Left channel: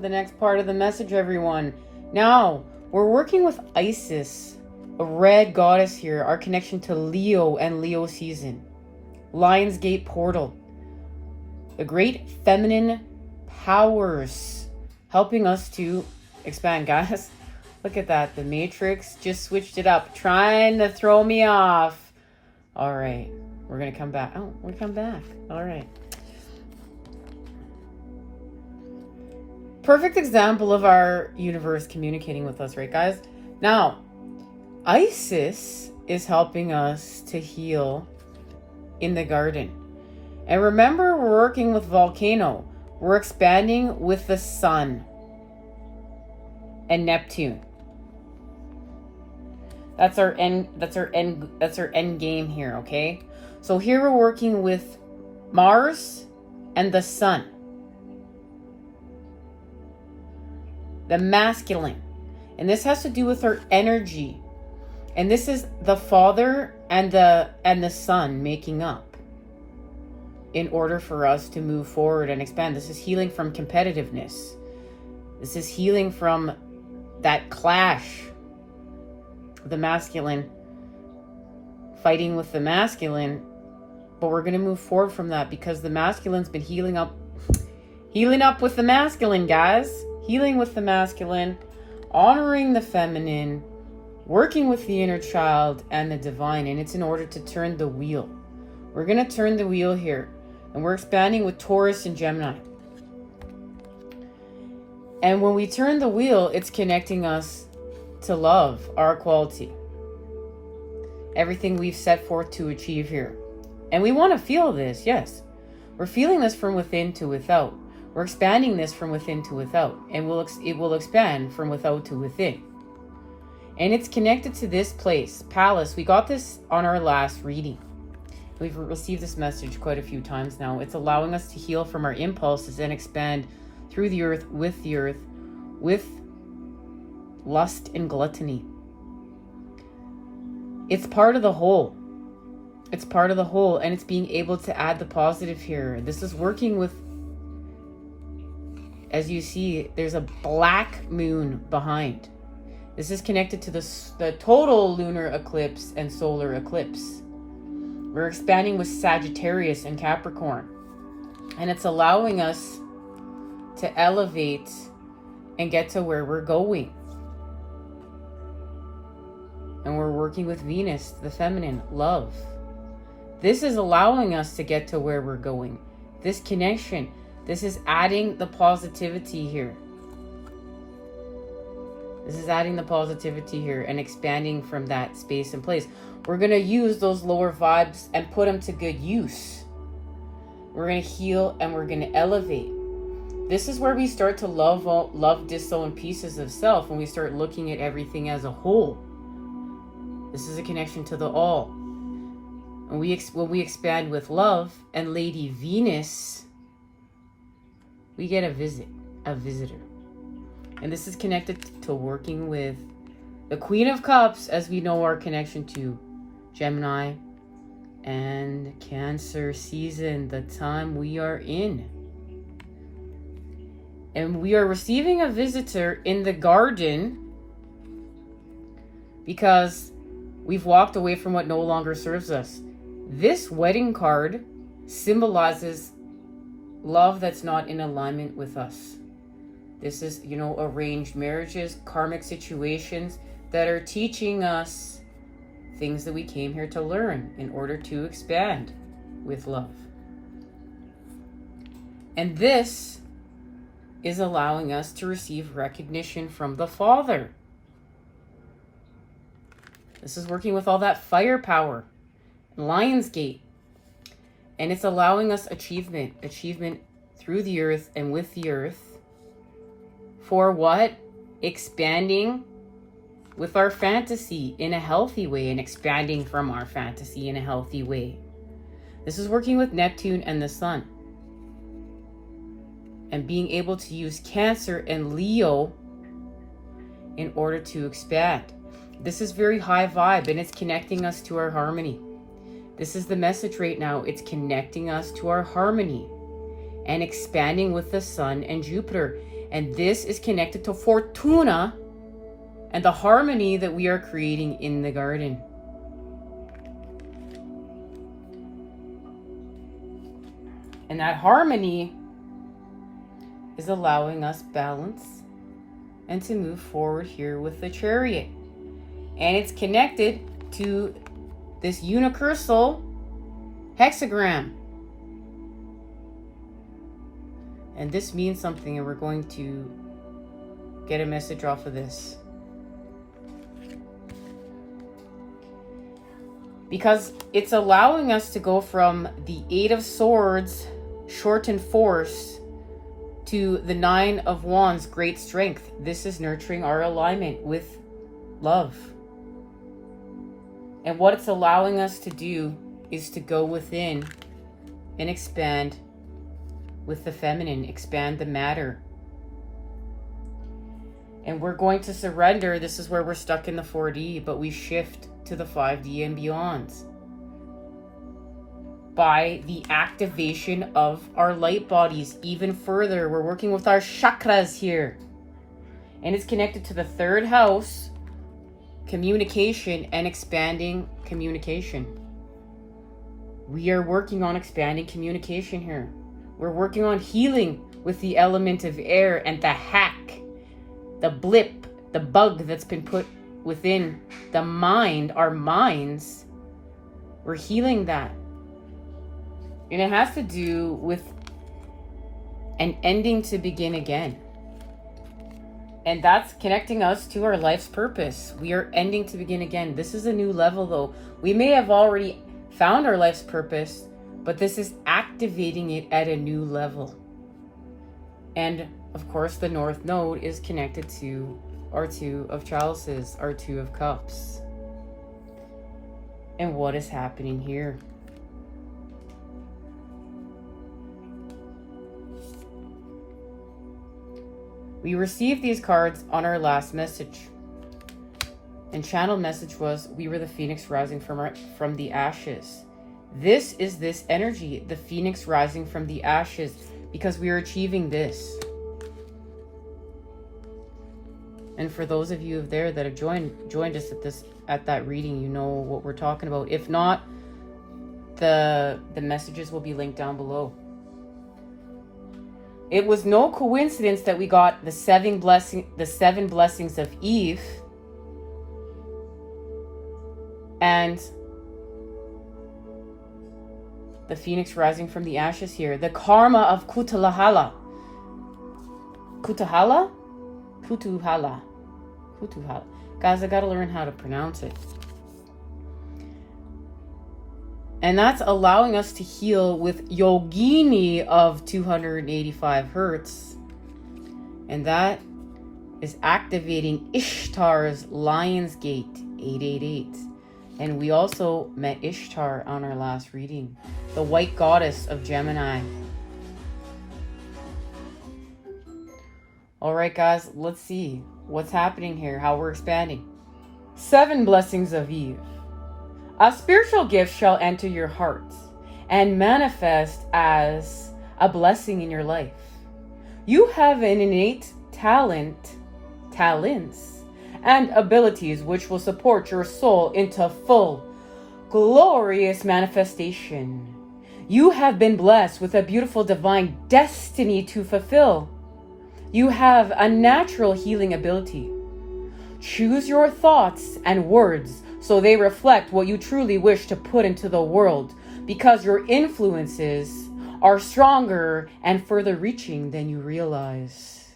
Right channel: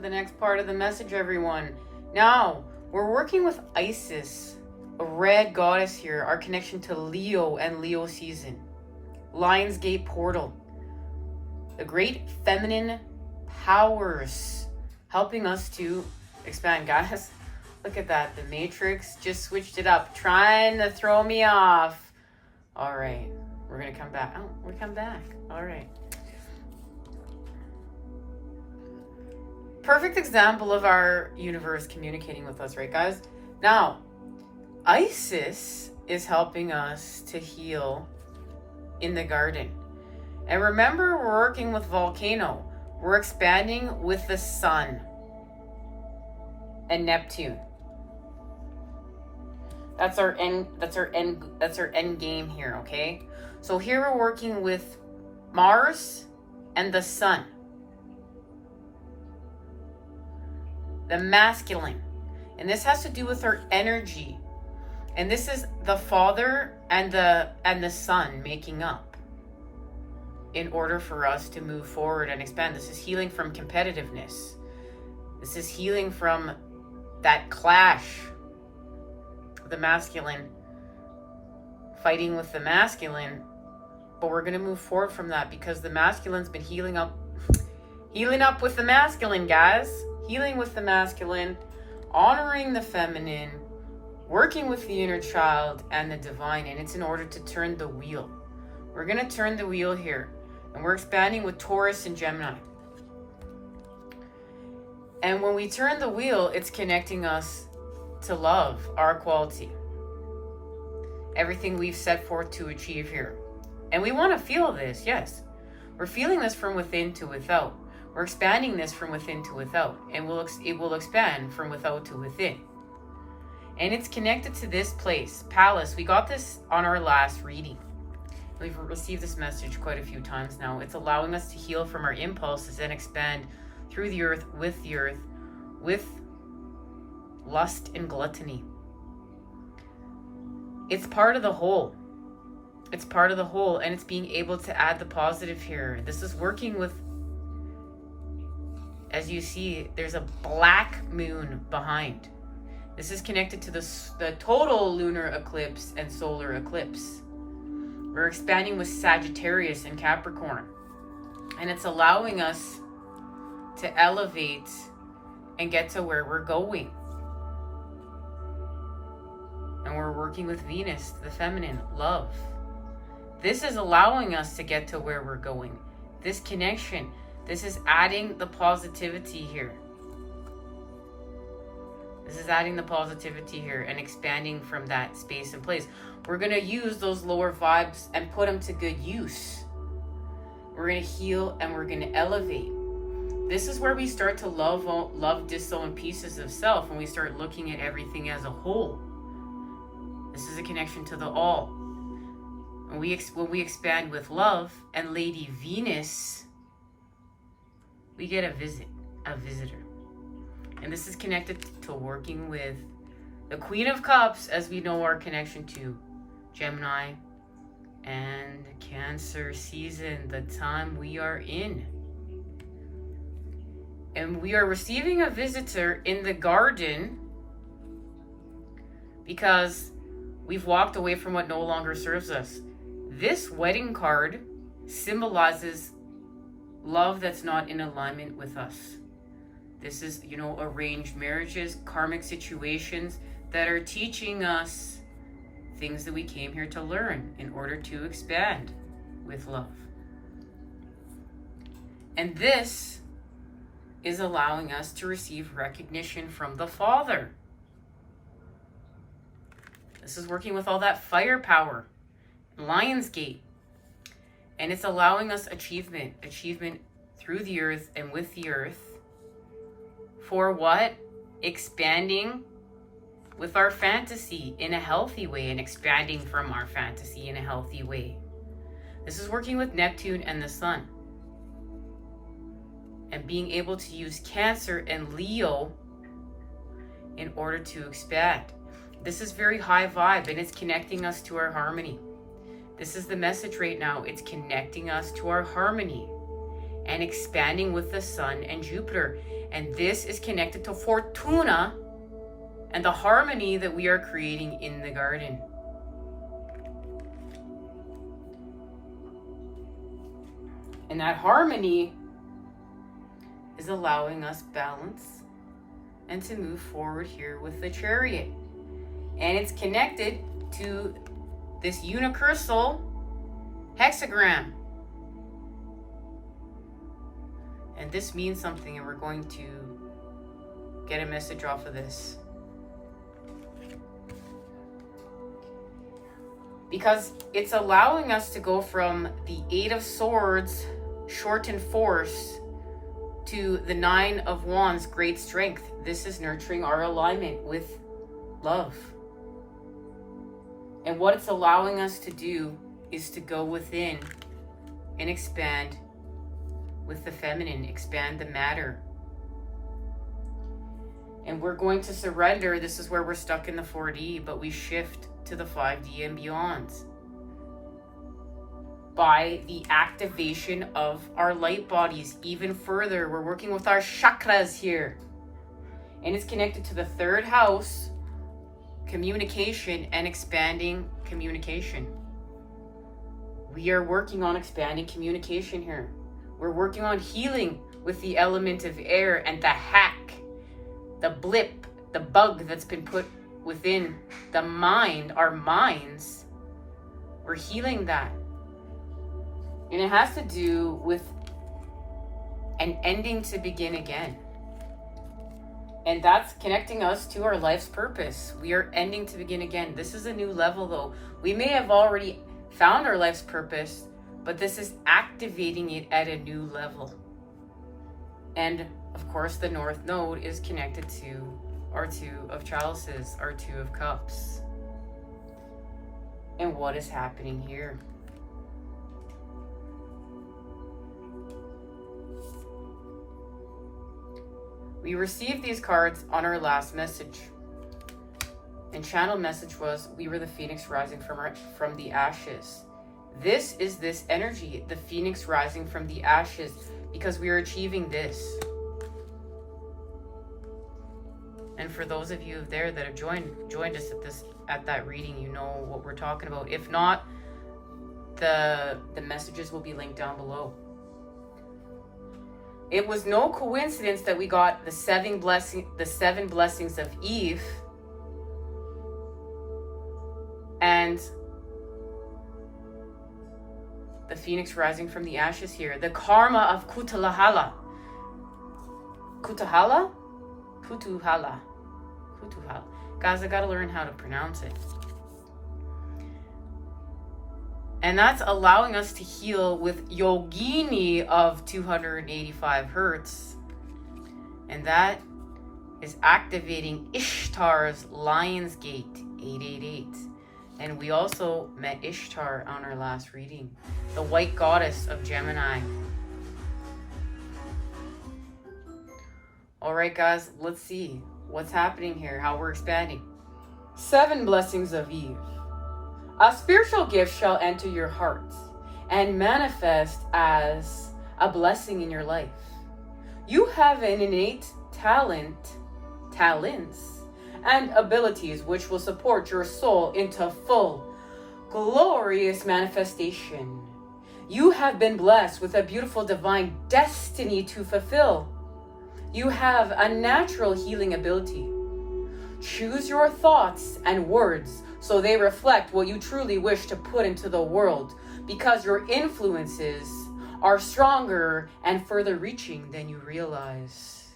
the next part of the message, everyone. Now, we're working with Isis, a red goddess here, our connection to Leo and Leo season. Lion's Gate portal. The great feminine powers helping us to expand, guys. Look at that. The Matrix just switched it up, trying to throw me off. All right. We're going to come back. Oh, we'll come back. All right. Perfect example of our universe communicating with us, right, guys? Now, Isis is helping us to heal in the garden. And remember, we're working with volcano. We're expanding with the sun and Neptune. That's our end game here, okay? So here we're working with Mars and the sun. The masculine. And this has to do with our energy. And this is the father and the son making up in order for us to move forward and expand. This is healing from competitiveness. This is healing from that clash. The masculine fighting with the masculine. But we're going to move forward from that because the masculine's been healing up with the masculine, guys. Healing with the masculine, honoring the feminine, working with the inner child and the divine. And it's in order to turn the wheel. We're going to turn the wheel here. And we're expanding with Taurus and Gemini. And when we turn the wheel, it's connecting us to love, our quality. Everything we've set forth to achieve here. And we want to feel this, yes. We're feeling this from within to without. We're expanding this from within to without. And it will expand from without to within. And it's connected to this place, Palace. We got this on our last reading. We've received this message quite a few times now. It's allowing us to heal from our impulses and expand through the earth, with lust and gluttony. It's part of the whole. It's part of the whole, and it's being able to add the positive here. This is working with, as you see, there's a black moon behind. This is connected to the total lunar eclipse and solar eclipse. We're expanding with Sagittarius and Capricorn. And it's allowing us to elevate and get to where we're going. And we're working with Venus, the feminine, love. This is allowing us to get to where we're going. This connection, this is adding the positivity here. This is adding the positivity here and expanding from that space and place. We're going to use those lower vibes and put them to good use. We're going to heal and we're going to elevate. This is where we start to love disown pieces of self, when we start looking at everything as a whole. This is a connection to the all. When we expand with love and Lady Venus, we get a visitor. And this is connected to working with the Queen of Cups, as we know our connection to Gemini and Cancer season, the time we are in. And we are receiving a visitor in the garden because we've walked away from what no longer serves us. This wedding card symbolizes love that's not in alignment with us. This is, arranged marriages, karmic situations that are teaching us things that we came here to learn in order to expand with love. And this is allowing us to receive recognition from the Father. This is working with all that firepower, Lionsgate. And it's allowing us achievement through the earth and with the earth. For what? Expanding with our fantasy in a healthy way and expanding from our fantasy in a healthy way. This is working with Neptune and the Sun. And being able to use Cancer and Leo in order to expand. This is very high vibe and it's connecting us to our harmony. This is the message right now. It's connecting us to our harmony and expanding with the Sun and Jupiter. And this is connected to Fortuna and the harmony that we are creating in the garden. And that harmony is allowing us balance and to move forward here with the Chariot. And it's connected to this unicursal hexagram. And this means something, and we're going to get a message off of this. Because it's allowing us to go from the 8 of Swords, shortened force, to the 9 of Wands, great strength. This is nurturing our alignment with love. And what it's allowing us to do is to go within and expand with the feminine, expand the matter. And we're going to surrender. This is where we're stuck in the 4D, but we shift to the 5D and beyond by the activation of our light bodies even further. We're working with our chakras here. And it's connected to the 3rd house, communication and expanding communication. We are working on expanding communication here. We're working on healing with the element of air and the hack, the blip, the bug that's been put within the mind, our minds. We're healing that. And it has to do with an ending to begin again. And that's connecting us to our life's purpose. We are ending to begin again. This is a new level though. We may have already found our life's purpose, but this is activating it at a new level. And of course, the North Node is connected to our 2 of Chalices, our 2 of Cups. And what is happening here? We received these cards on our last message. And channel message was, we were the phoenix rising from the ashes. This is this energy, the phoenix rising from the ashes, because we are achieving this. And for those of you there that have joined us at that reading, you know what we're talking about. If not, the messages will be linked down below. It was no coincidence that we got the 7 blessings of Eve and the phoenix rising from the ashes here. The karma of Kutuhala. Kutuhala? Kutuhala. Kutuhala. Guys, I gotta learn how to pronounce it. And that's allowing us to heal with Yogini of 285 hertz. And that is activating Ishtar's Lion's Gate 888. And we also met Ishtar on our last reading, the white goddess of Gemini. All right, guys, let's see what's happening here, how we're expanding. 7 blessings of Eve. A spiritual gift shall enter your heart and manifest as a blessing in your life. You have an innate talents, and abilities which will support your soul into full, glorious manifestation. You have been blessed with a beautiful divine destiny to fulfill. You have a natural healing ability. Choose your thoughts and words so they reflect what you truly wish to put into the world, because your influences are stronger and further reaching than you realize.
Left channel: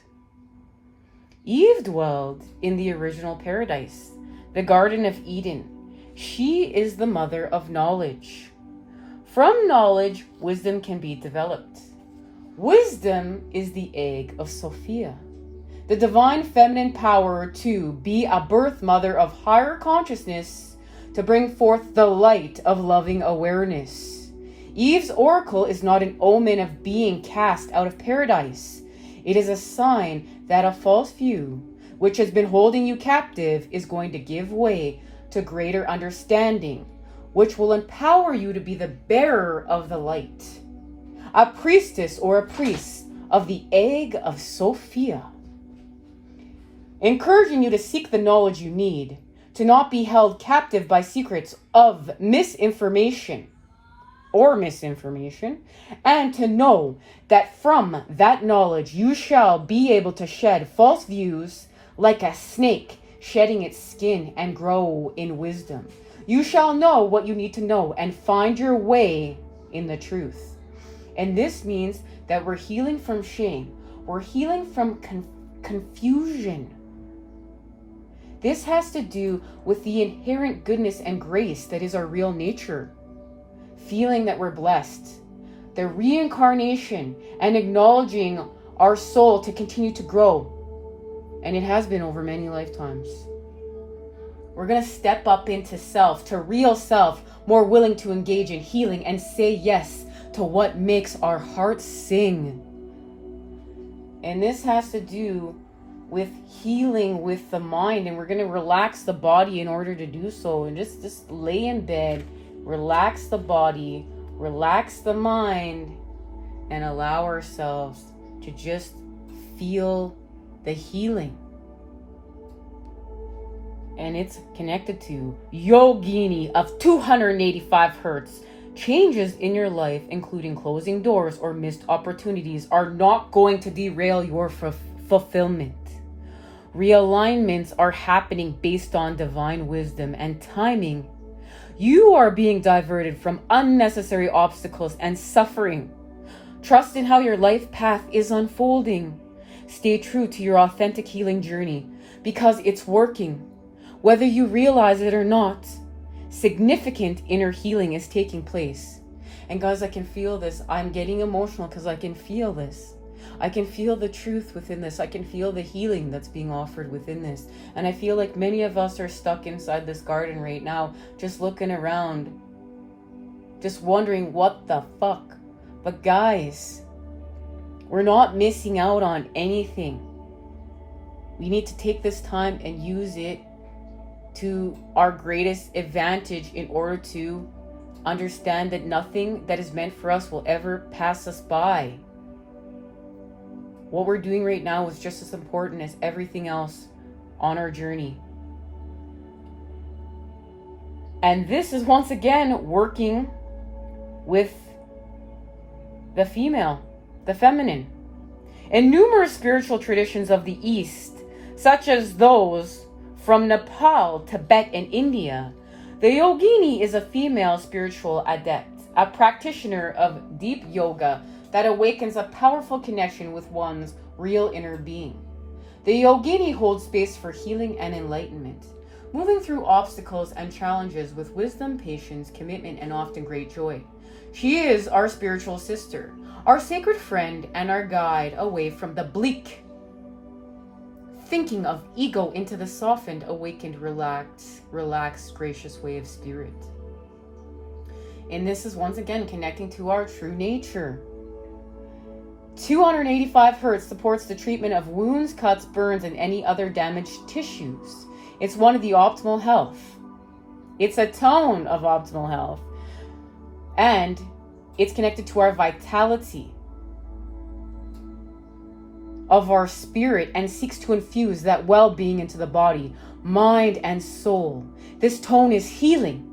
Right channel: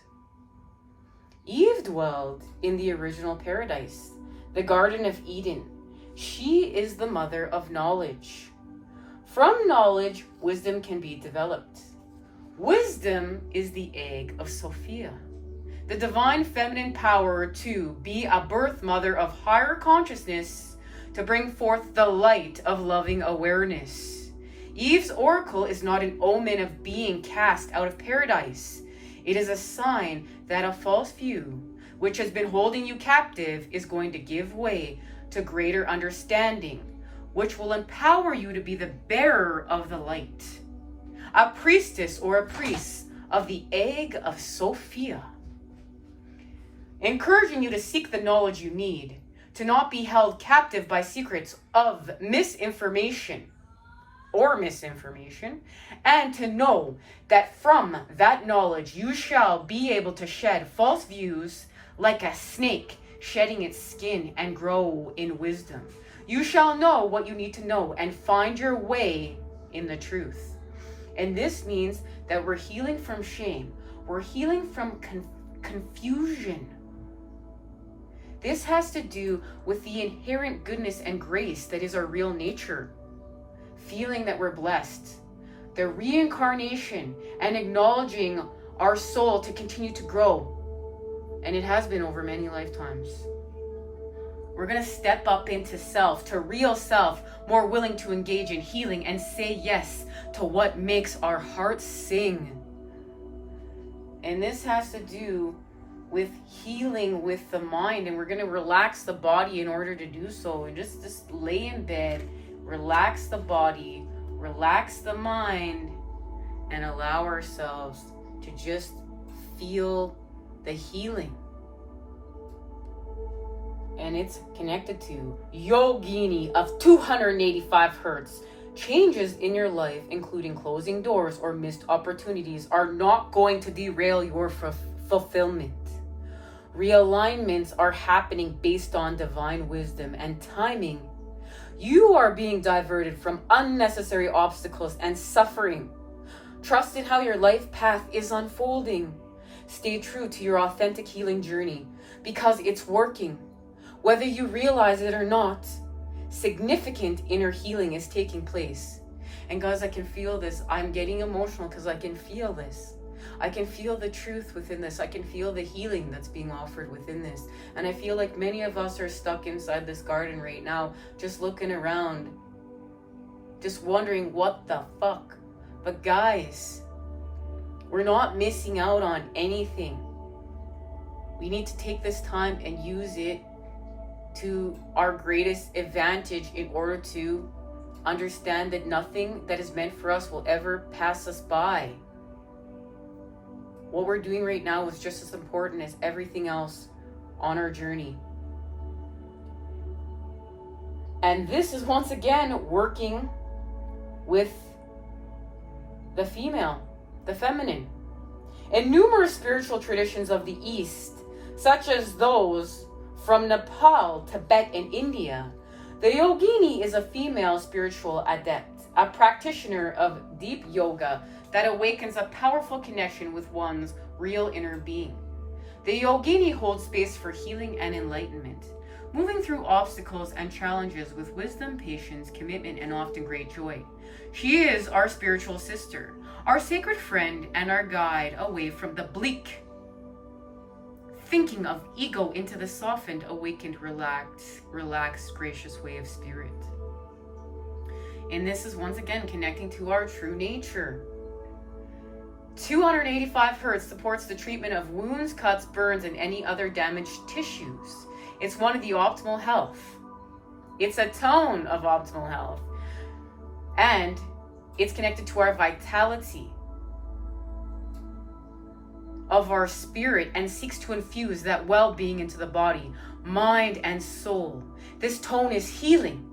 Eve dwelled in the original paradise, the Garden of Eden. She is the mother of knowledge. From knowledge, wisdom can be developed. Wisdom is the egg of Sophia, the divine feminine power to be a birth mother of higher consciousness, to bring forth the light of loving awareness. Eve's oracle is not an omen of being cast out of paradise. It is a sign that a false view, which has been holding you captive, is going to give way to greater understanding, which will empower you to be the bearer of the light. A priestess or a priest of the egg of Sophia, encouraging you to seek the knowledge you need, to not be held captive by secrets of misinformation, and to know that from that knowledge you shall be able to shed false views like a snake shedding its skin and grow in wisdom. You shall know what you need to know and find your way in the truth. And this means that we're healing from shame. We're healing from confusion. This has to do with the inherent goodness and grace that is our real nature. Feeling that we're blessed. The reincarnation and acknowledging our soul to continue to grow. And it has been over many lifetimes. We're going to step up into self, to real self, more willing to engage in healing and say yes to what makes our hearts sing. And this has to do with healing with the mind, and we're going to relax the body in order to do so. And just lay in bed, relax the body, relax the mind, and allow ourselves to just feel the healing. And it's connected to Yogini of 285 hertz. Changes in your life, including closing doors or missed opportunities, are not going to derail your fulfillment. Realignments are happening based on divine wisdom and timing. You are being diverted from unnecessary obstacles and suffering. Trust in how your life path is unfolding. Stay true to your authentic healing journey because it's working. Whether you realize it or not, significant inner healing is taking place. And guys, I can feel this. I'm getting emotional because I can feel this. I can feel the truth within this. I can feel the healing that's being offered within this. And I feel like many of us are stuck inside this garden right now, just looking around, just wondering what the fuck. But guys, we're not missing out on anything. We need to take this time and use it to our greatest advantage in order to understand that nothing that is meant for us will ever pass us by. What we're doing right now is just as important as everything else on our journey. And this is once again working with the female, the feminine. In numerous spiritual traditions of the East, such as those from Nepal, Tibet, and India, the yogini is a female spiritual adept, a practitioner of deep yoga that awakens a powerful connection with one's real inner being. The yogini holds space for healing and enlightenment, moving through obstacles and challenges with wisdom, patience, commitment, and often great joy. She is our spiritual sister, our sacred friend, and our guide away from the bleak thinking of ego into the softened, awakened, relaxed, gracious way of spirit. And this is once again connecting to our true nature. 285 hertz supports the treatment of wounds, cuts, burns, and any other damaged tissues. It's one of the optimal health. It's a tone of optimal health. And it's connected to our vitality of our spirit and seeks to infuse that well-being into the body, mind, and soul. This tone is healing,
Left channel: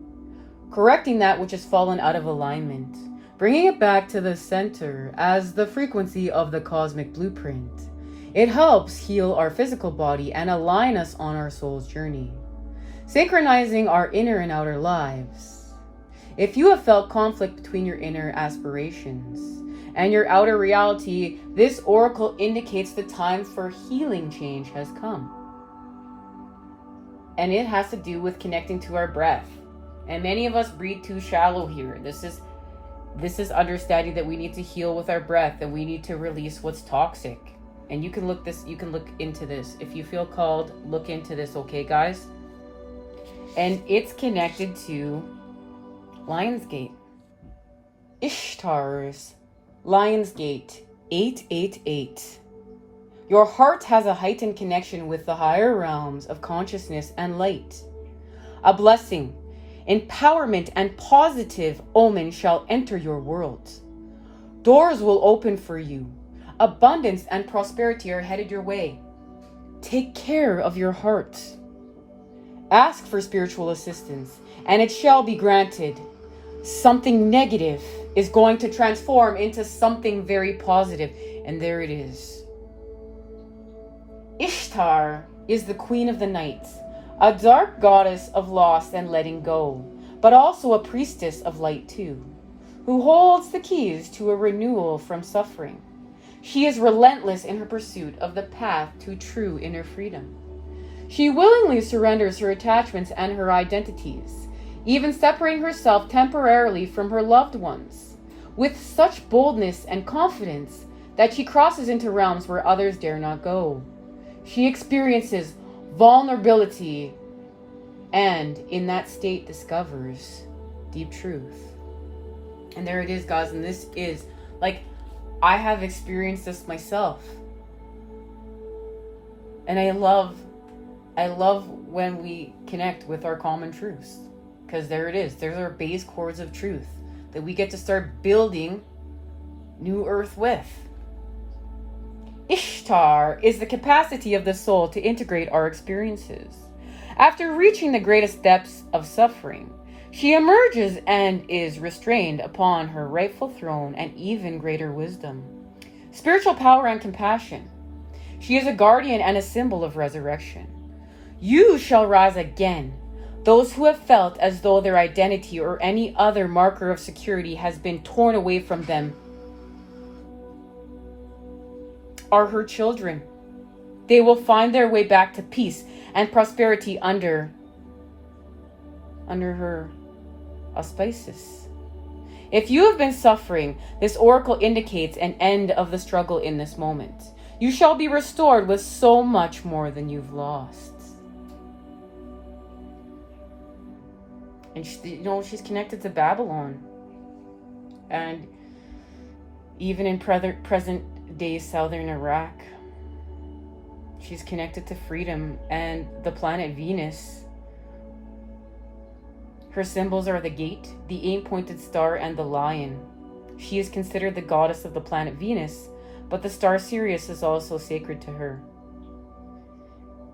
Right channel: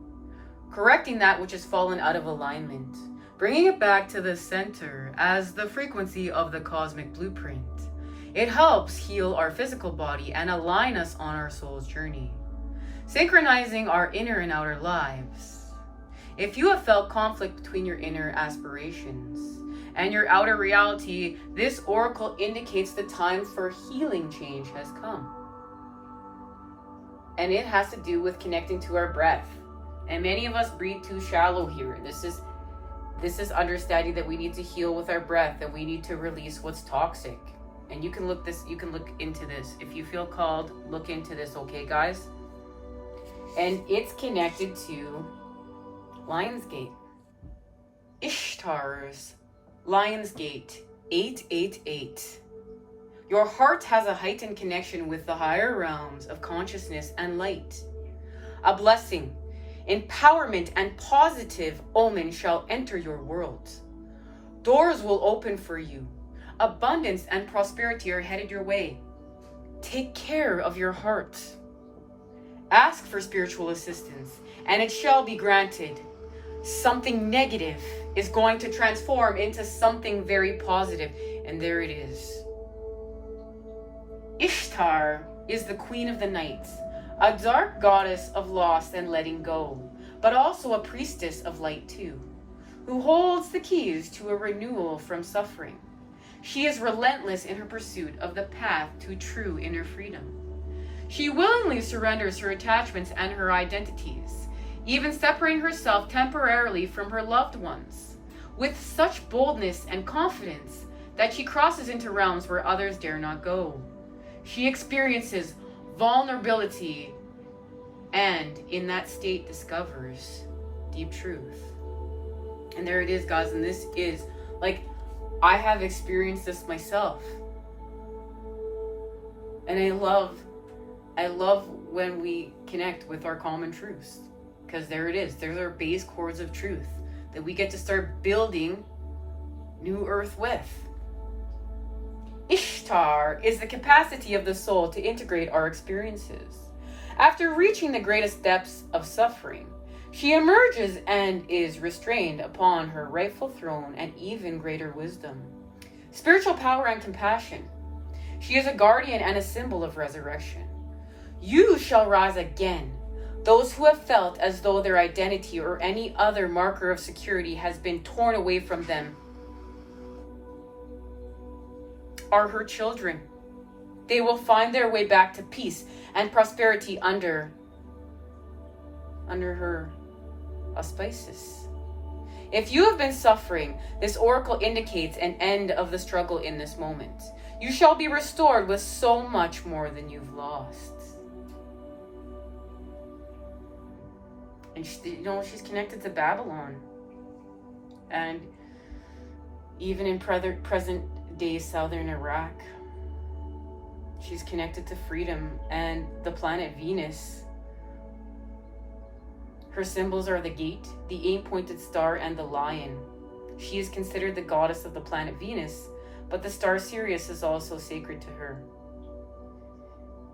correcting that which has fallen out of alignment, bringing it back to the center as the frequency of the cosmic blueprint. It helps heal our physical body and align us on our soul's journey, synchronizing our inner and outer lives. If you have felt conflict between your inner aspirations and your outer reality, this oracle indicates the time for healing change has come. And it has to do with connecting to our breath. And many of us breathe too shallow here. This is understanding that we need to heal with our breath, that we need to release what's toxic. And you can look into this. If you feel called, look into this, okay, guys? And it's connected to Lionsgate. Ishtar's Lionsgate 888. Your heart has a heightened connection with the higher realms of consciousness and light. A blessing, empowerment, and positive omen shall enter your world. Doors will open for you. Abundance and prosperity are headed your way. Take care of your heart. Ask for spiritual assistance, and it shall be granted. Something negative is going to transform into something very positive, and there it is. Ishtar is the queen of the night, a dark goddess of loss and letting go, but also a priestess of light too, who holds the keys to a renewal from suffering. She is relentless in her pursuit of the path to true inner freedom. She willingly surrenders her attachments and her identities, even separating herself temporarily from her loved ones, with such boldness and confidence that she crosses into realms where others dare not go. She experiences vulnerability and in that state discovers deep truth. And there it is, guys, and this is like, I have experienced this myself. And I love when we connect with our common truths, because there it is. There's our base chords of truth that we get to start building new earth with. Ishtar is the capacity of the soul to integrate our experiences. After reaching the greatest depths of suffering, she emerges and is restrained upon her rightful throne and even greater wisdom, spiritual power, and compassion. She is a guardian and a symbol of resurrection. You shall rise again. Those who have felt as though their identity or any other marker of security has been torn away from them are her children. They will find their way back to peace and prosperity under her auspices. If you have been suffering, this oracle indicates an end of the struggle in this moment. You shall be restored with so much more than you've lost. And she's connected to Babylon. And even in present day southern Iraq, she's connected to freedom and the planet Venus. Her symbols are the gate, the 8-pointed star, and the lion. She is considered the goddess of the planet Venus, but the star Sirius is also sacred to her.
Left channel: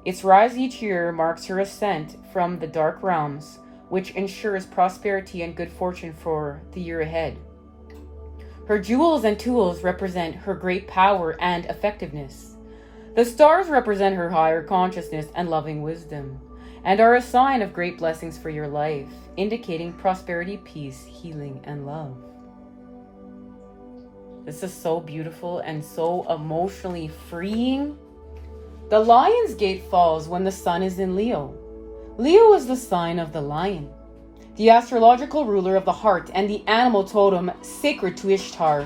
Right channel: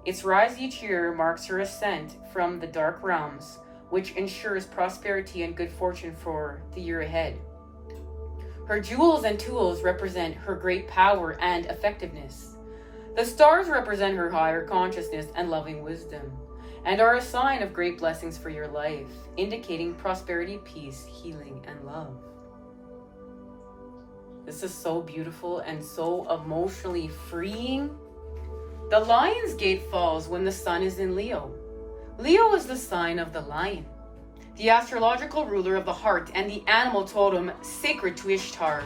Its rise each year marks her ascent from the dark realms, which ensures prosperity and good fortune for the year ahead. Her jewels and tools represent her great power and effectiveness. The stars represent her higher consciousness and loving wisdom, and are a sign of great blessings for your life, indicating prosperity, peace, healing, and love. This is so beautiful and so emotionally freeing. The lion's gate falls when the sun is in Leo. Leo is the sign of the lion, the astrological ruler of the heart and the animal totem sacred to Ishtar.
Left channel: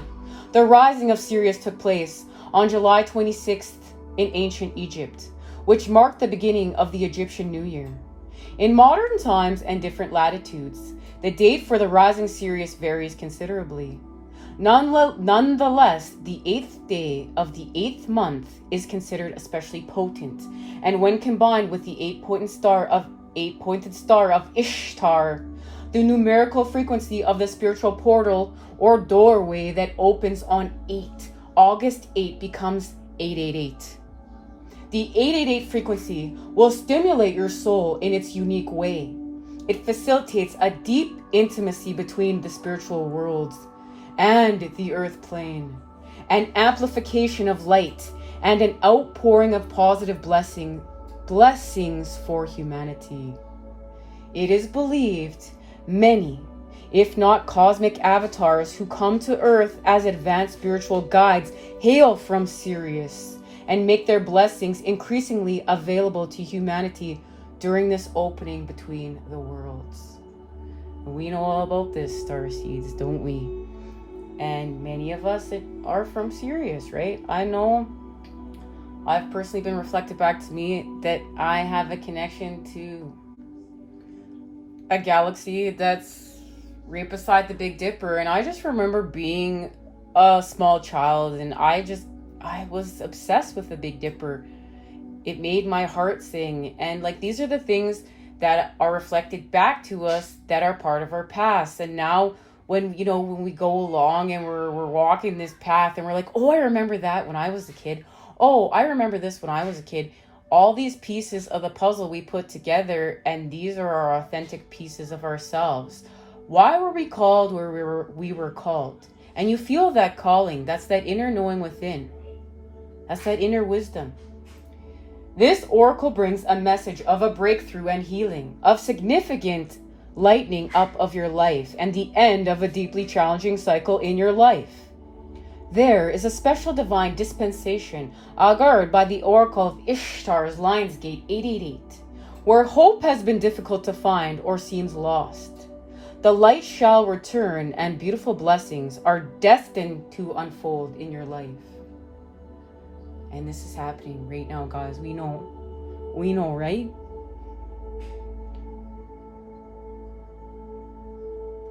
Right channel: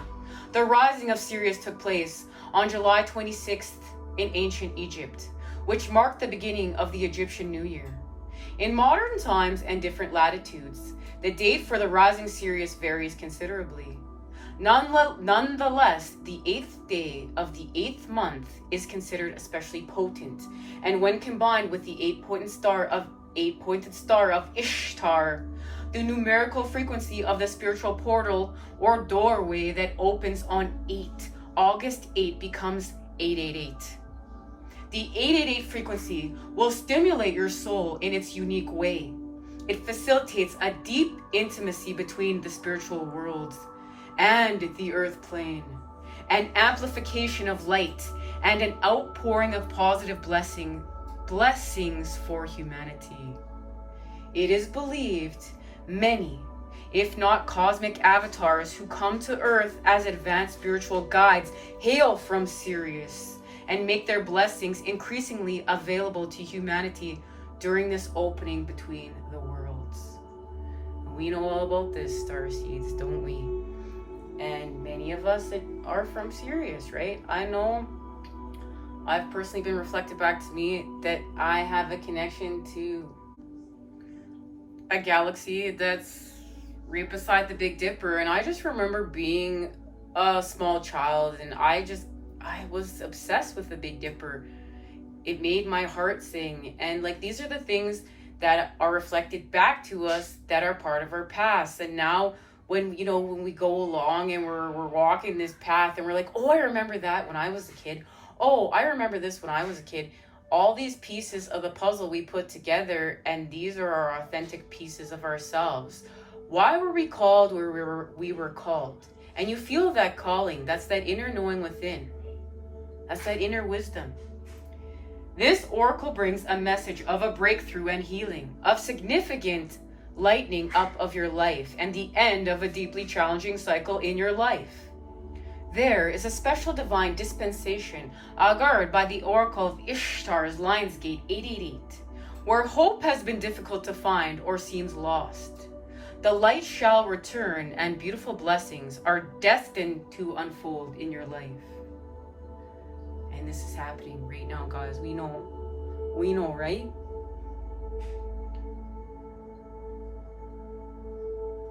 The rising of Sirius took place on July 26th in ancient Egypt, which marked the beginning of the Egyptian New Year. In modern times and different latitudes, the date for the rising Sirius varies considerably. Nonetheless, the 8th day of the 8th month is considered especially potent, and when combined with the 8-pointed star of Ishtar, the numerical frequency of the spiritual portal or doorway that opens on August 8 becomes 888. The 888 frequency will stimulate your soul in its unique way. It facilitates a deep intimacy between the spiritual worlds and the earth plane, an amplification of light, and an outpouring of positive blessings for humanity. It is believed many, if not cosmic avatars who come to earth as advanced spiritual guides, hail from Sirius and make their blessings increasingly available to humanity during this opening between the worlds. We know all about this, Starseeds, don't we? And many of us are from Sirius, right? I know I've personally been reflected back to me that I have a connection to a galaxy that's right beside the Big Dipper, and I just remember being a small child, and I was obsessed with the Big Dipper. It made my heart sing, and like, these are the things that are reflected back to us that are part of our past. And now when we go along and we're walking this path and we're like, oh, I remember that when I was a kid. Oh, I remember this when I was a kid. All these pieces of the puzzle we put together, and these are our authentic pieces of ourselves. Why were we called where we were called? And you feel that calling. That's that inner knowing within. That's that inner wisdom. This oracle brings a message of a breakthrough and healing, of significant lightening up of your life, and the end of a deeply challenging cycle in your life. There is a special divine dispensation augured by the oracle of Ishtar's Lionsgate 888, where hope has been difficult to find or seems lost. The light shall return, and beautiful blessings are destined to unfold in your life. And this is happening right now, guys. We know, right?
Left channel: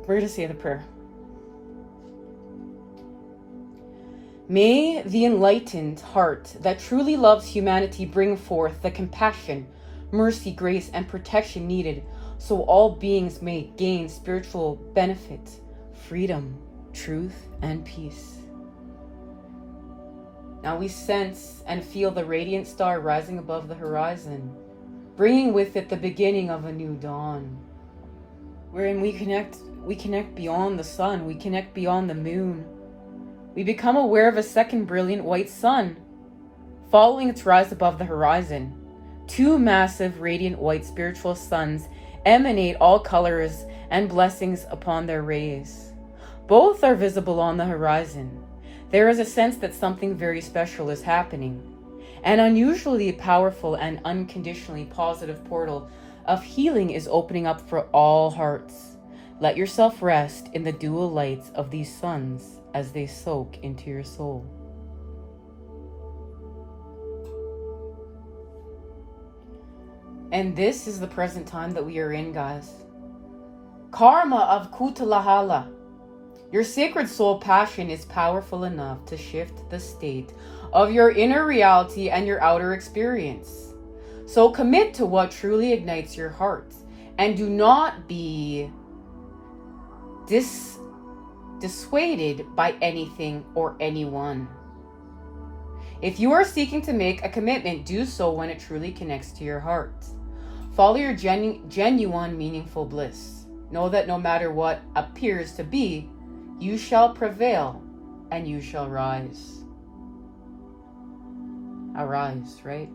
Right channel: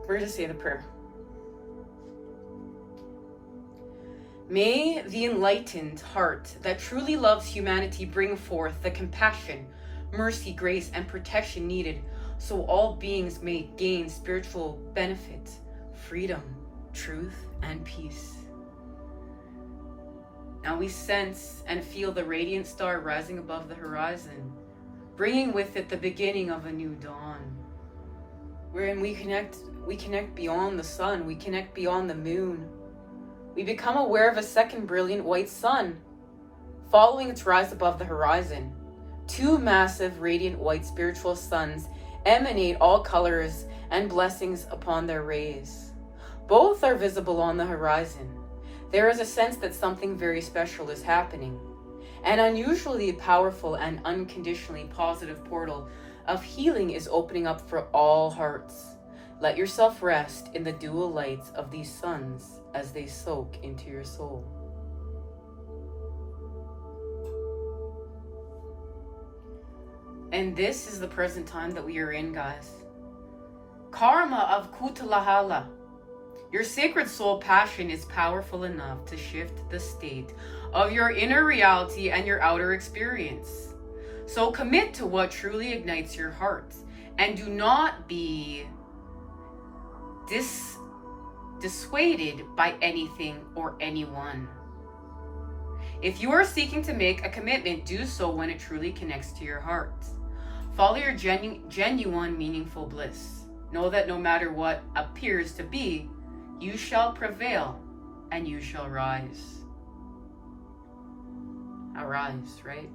We're going to say the prayer. May the enlightened heart that truly loves humanity bring forth the compassion, mercy, grace, and protection needed so all beings may gain spiritual benefit, freedom, truth, and peace. Now we sense and feel the radiant star rising above the horizon, bringing with it the beginning of a new dawn, wherein we connect beyond the sun, we connect beyond the moon. We become aware of a second brilliant white sun, following its rise above the horizon. Two massive radiant white spiritual suns emanate all colors and blessings upon their rays. Both are visible on the horizon. There is a sense that something very special is happening. An unusually powerful and unconditionally positive portal of healing is opening up for all hearts. Let yourself rest in the dual lights of these suns as they soak into your soul. And this is the present time that we are in, guys. Karma of Kutalahala. Your sacred soul passion is powerful enough to shift the state of your inner reality and your outer experience. So commit to what truly ignites your heart, and do not be dissuaded by anything or anyone. If you are seeking to make a commitment, do so when it truly connects to your heart. Follow your genuine, meaningful bliss. Know that no matter what appears to be, you shall prevail and you shall rise. Arise, right?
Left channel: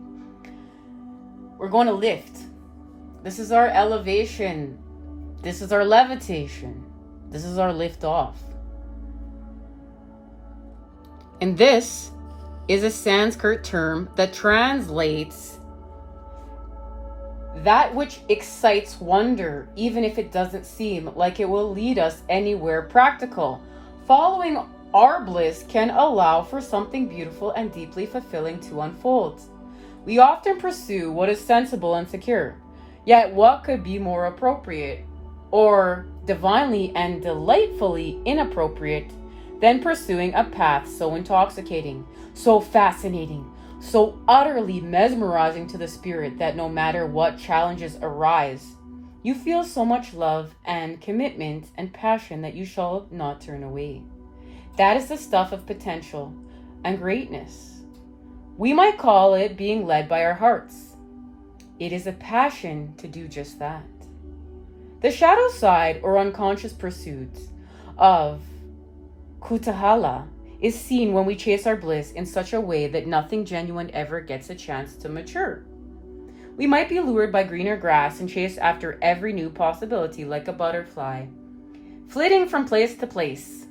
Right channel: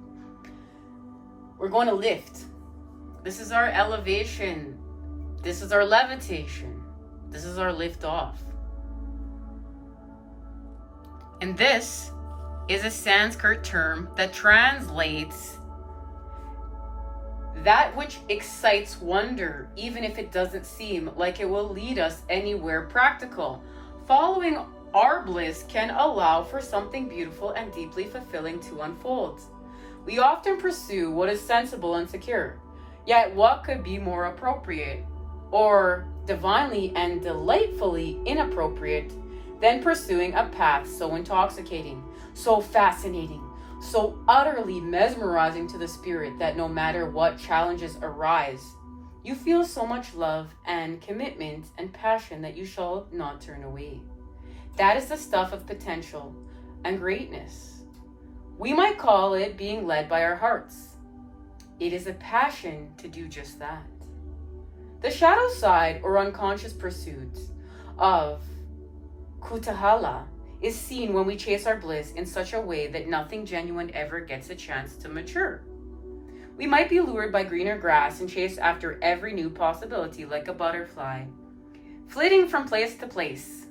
We're going to lift. This is our elevation. This is our levitation. This is our lift off. And this is a Sanskrit term that translates that which excites wonder, even if it doesn't seem like it will lead us anywhere practical. Following our bliss can allow for something beautiful and deeply fulfilling to unfold. We often pursue what is sensible and secure, yet what could be more appropriate or divinely and delightfully inappropriate than pursuing a path so intoxicating, so fascinating, so utterly mesmerizing to the spirit that no matter what challenges arise, you feel so much love and commitment and passion that you shall not turn away. That is the stuff of potential and greatness. We might call it being led by our hearts. It is a passion to do just that. The shadow side or unconscious pursuits of Kutahala is seen when we chase our bliss in such a way that nothing genuine ever gets a chance to mature. We might be lured by greener grass and chase after every new possibility like a butterfly, flitting from place to place.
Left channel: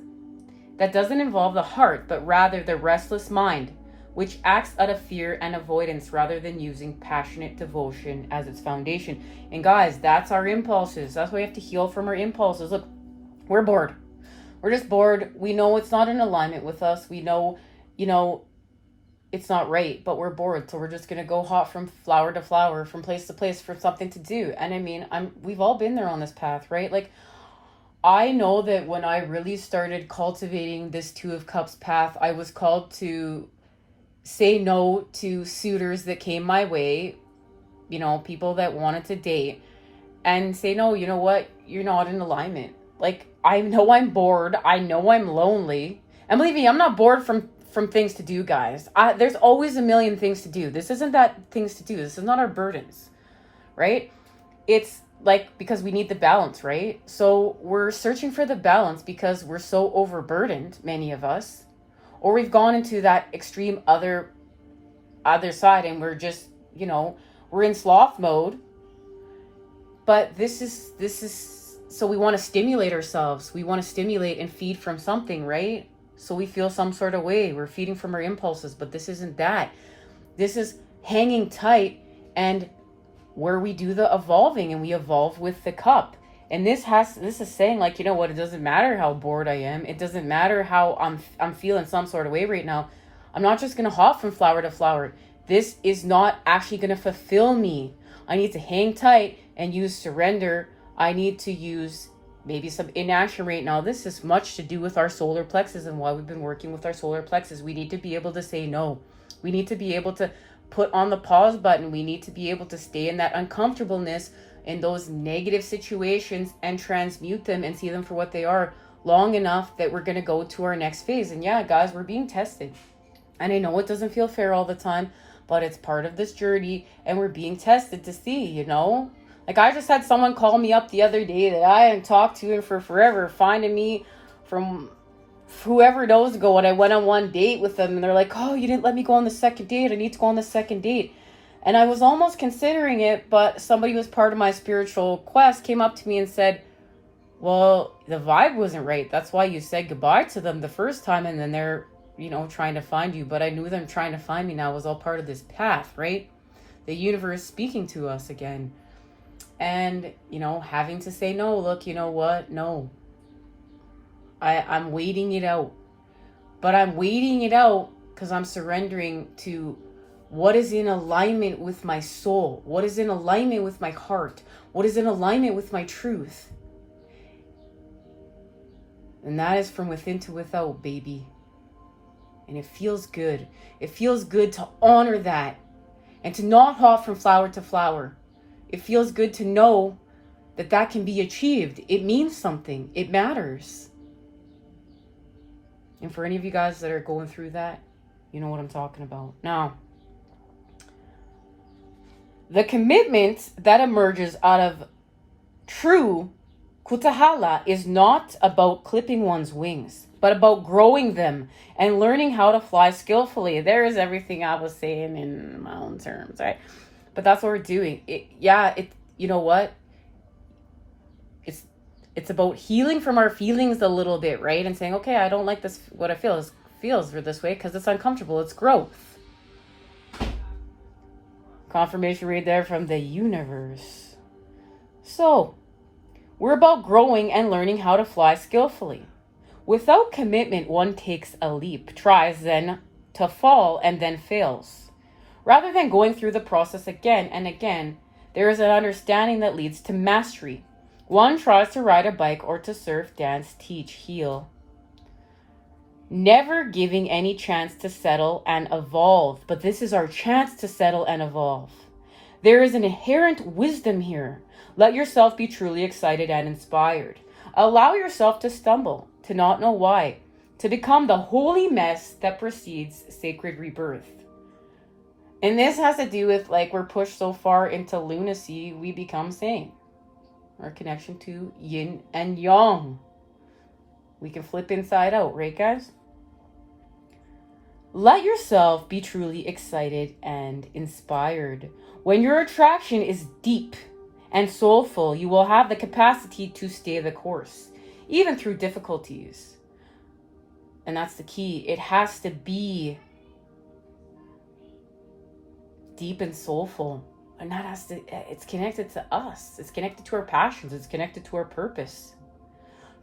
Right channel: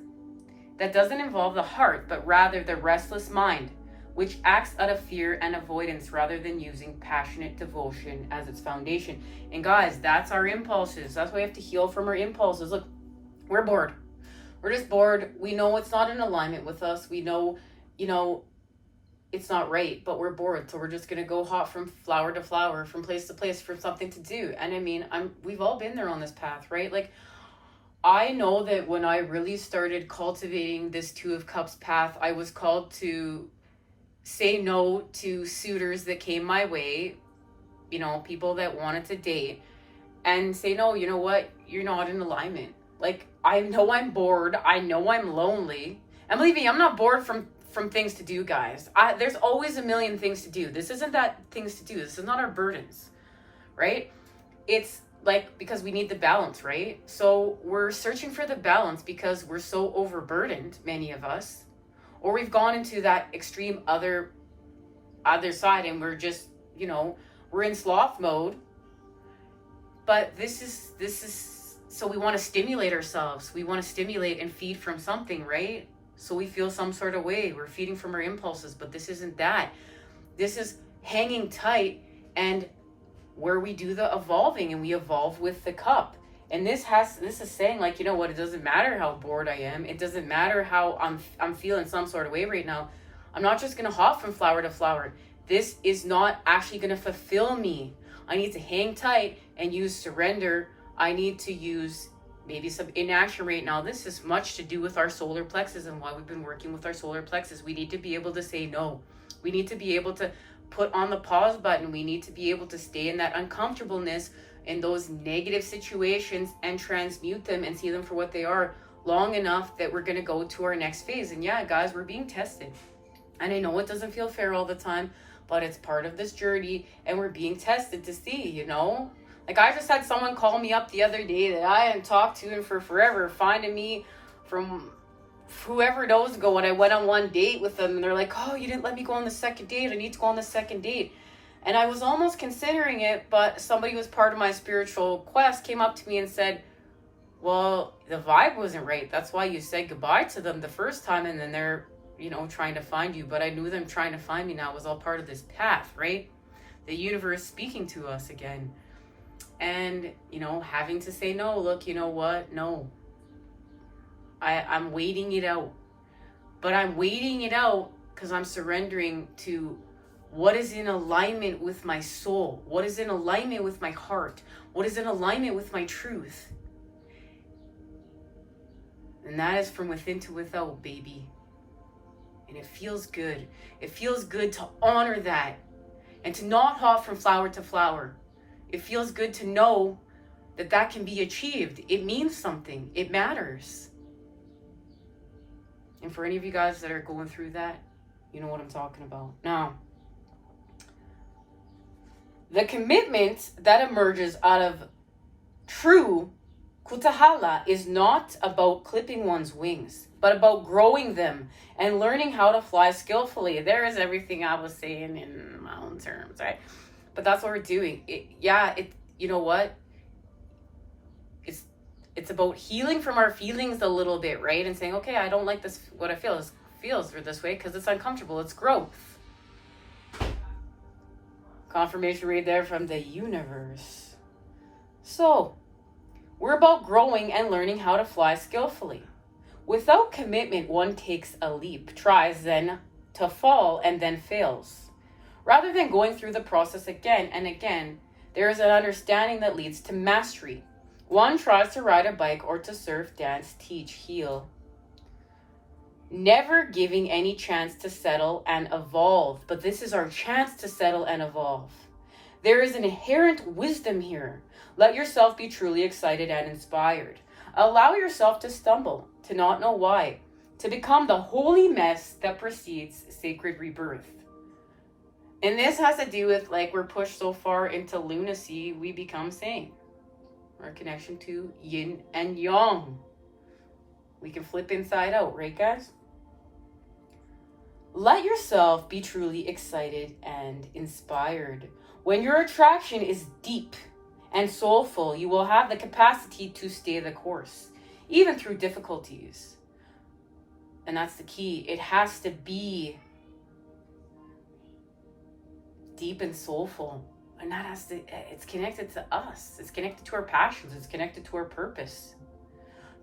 That doesn't involve the heart, but rather the restless mind, which acts out of fear and avoidance rather than using passionate devotion as its foundation. And guys, that's our impulses. That's why we have to heal from our impulses. Look, we're bored. We're just bored. We know it's not in alignment with us. We know, it's not right, but we're bored. So we're just going to go hop from flower to flower, from place to place for something to do. And I mean, we've all been there on this path, right? Like, I know that when I really started cultivating this Two of Cups path, I was called to say no to suitors that came my way, people that wanted to date, and say, no, you know what? You're not in alignment. Like, I know I'm bored. I know I'm lonely. And believe me, I'm not bored from things to do, guys. There's always a million things to do. This isn't that things to do. This is not our burdens, right? It's like, because we need the balance, right? So we're searching for the balance because we're so overburdened, many of us, or we've gone into that extreme other side, and we're just, we're in sloth mode. But this is so we want to stimulate ourselves. We want to stimulate and feed from something, right? So we feel some sort of way. We're feeding from our impulses, but this isn't that. This is hanging tight, and where we do the evolving, and we evolve with the cup. And this is saying, like, you know what, it doesn't matter how bored I am. It doesn't matter how I'm feeling some sort of way right now. I'm not just going to hop from flower to flower. This is not actually going to fulfill me. I need to hang tight and use surrender. I need to use maybe some inaction right now. This is much to do with our solar plexus and why we've been working with our solar plexus. We need to be able to say no. We need to be able to put on the pause button. We need to be able to stay in that uncomfortableness in those negative situations and transmute them and see them for what they are long enough that we're going to go to our next phase. And yeah, guys, we're being tested. And I know it doesn't feel fair all the time, but it's part of this journey, and we're being tested to see, Like, I just had someone call me up the other day that I hadn't talked to for forever, finding me from whoever knows ago, and I went on one date with them, and they're like, oh, you didn't let me go on the second date. I need to go on the second date. And I was almost considering it, but somebody who was part of my spiritual quest came up to me and said, well, the vibe wasn't right. That's why you said goodbye to them the first time, and then they're, trying to find you. But I knew them trying to find me now was all part of this path, right? The universe speaking to us again. And, having to say no. Look, you know what? No. I'm waiting it out. But I'm waiting it out because I'm surrendering to what is in alignment with my soul. What is in alignment with my heart. What is in alignment with my truth. And that is from within to without, baby. And it feels good. It feels good to honor that. And to not hop from flower to flower. It feels good to know that that can be achieved. It means something. It matters. And for any of you guys that are going through that, you know what I'm talking about. Now, the commitment that emerges out of true kutahala is not about clipping one's wings, but about growing them and learning how to fly skillfully. There's everything I was saying in my own terms, right? But that's what we're doing. You know what? It's about healing from our feelings a little bit, right? And saying, okay, I don't like this, what I feels for this way because it's uncomfortable. It's growth. Confirmation right there from the universe. So, we're about growing and learning how to fly skillfully. Without commitment, one takes a leap, tries then to fall, and then fails. Rather than going through the process again and again, there is an understanding that leads to mastery. One tries to ride a bike or to surf, dance, teach, heal. Never giving any chance to settle and evolve. But this is our chance to settle and evolve. There is an inherent wisdom here. Let yourself be truly excited and inspired. Allow yourself to stumble, to not know why, to become the holy mess that precedes sacred rebirth. And this has to do with, like, we're pushed so far into lunacy, we become sane. Our connection to yin and yang. We can flip inside out, right, guys? Let yourself be truly excited and inspired. When your attraction is deep and soulful, you will have the capacity to stay the course, even through difficulties. And that's the key. It has to be deep and soulful. And that has to, it's connected to us. It's connected to our passions. It's connected to our purpose.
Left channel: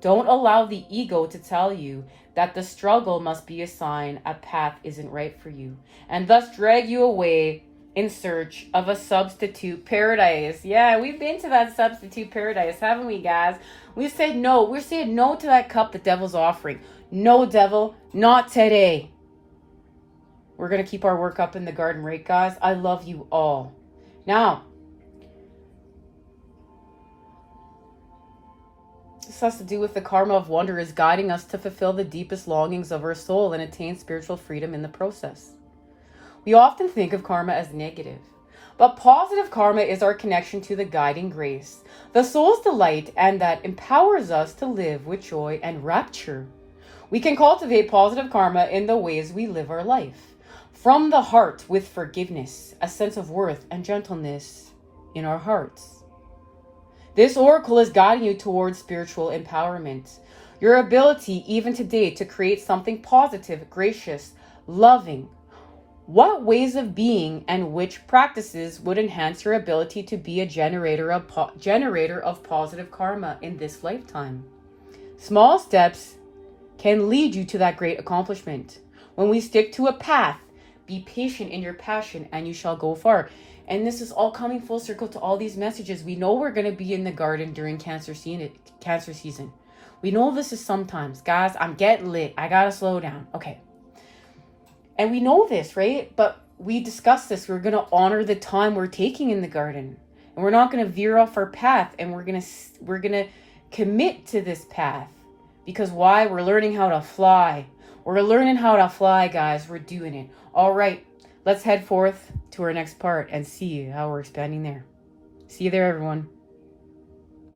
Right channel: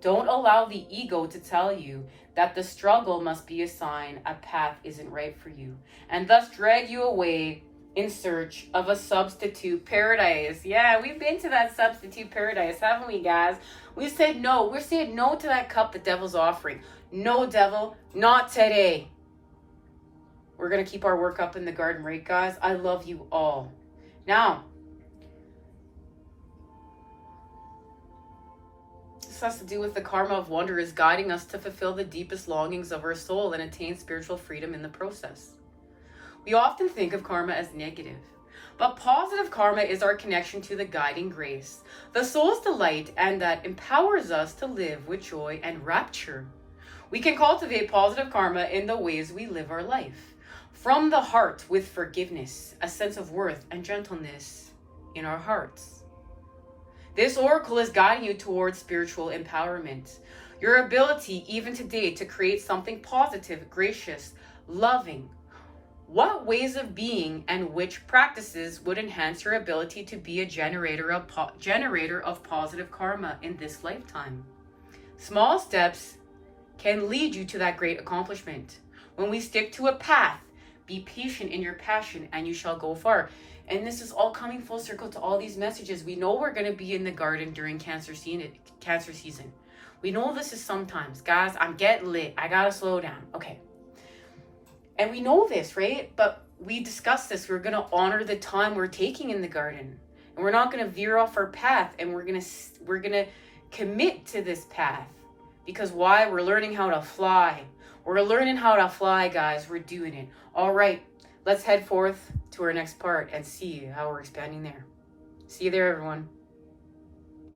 Don't allow the ego to tell you that the struggle must be a sign a path isn't right for you, and thus drag you away in search of a substitute paradise. Yeah, we've been to that substitute paradise, haven't we, guys? We said no. We're saying no to that cup the devil's offering. No, devil, not today. We're going to keep our work up in the garden, right, guys? I love you all. Now, has to do with the karma of wonder is guiding us to fulfill the deepest longings of our soul and attain spiritual freedom in the process. We often think of karma as negative, but positive karma is our connection to the guiding grace, the soul's delight, and that empowers us to live with joy and rapture. We can cultivate positive karma in the ways we live our life. From the heart, with forgiveness, a sense of worth and gentleness in our hearts. This oracle is guiding you towards spiritual empowerment. Your ability, even today, to create something positive, gracious, loving. What ways of being and which practices would enhance your ability to be a generator of positive karma in this lifetime? Small steps can lead you to that great accomplishment. When we stick to a path, be patient in your passion and you shall go far. And this is all coming full circle to all these messages. We know we're going to be in the garden during Cancer season. We know this is sometimes. Guys, I'm getting lit. I got to slow down. Okay. And we know this, right? But we discussed this. We're going to honor the time we're taking in the garden. And we're not going to veer off our path. And we're going to commit to this path. Because why? We're learning how to fly. We're learning how to fly, guys. We're doing it. All right. Let's head forth to our next part and see how we're expanding there. See you there, everyone.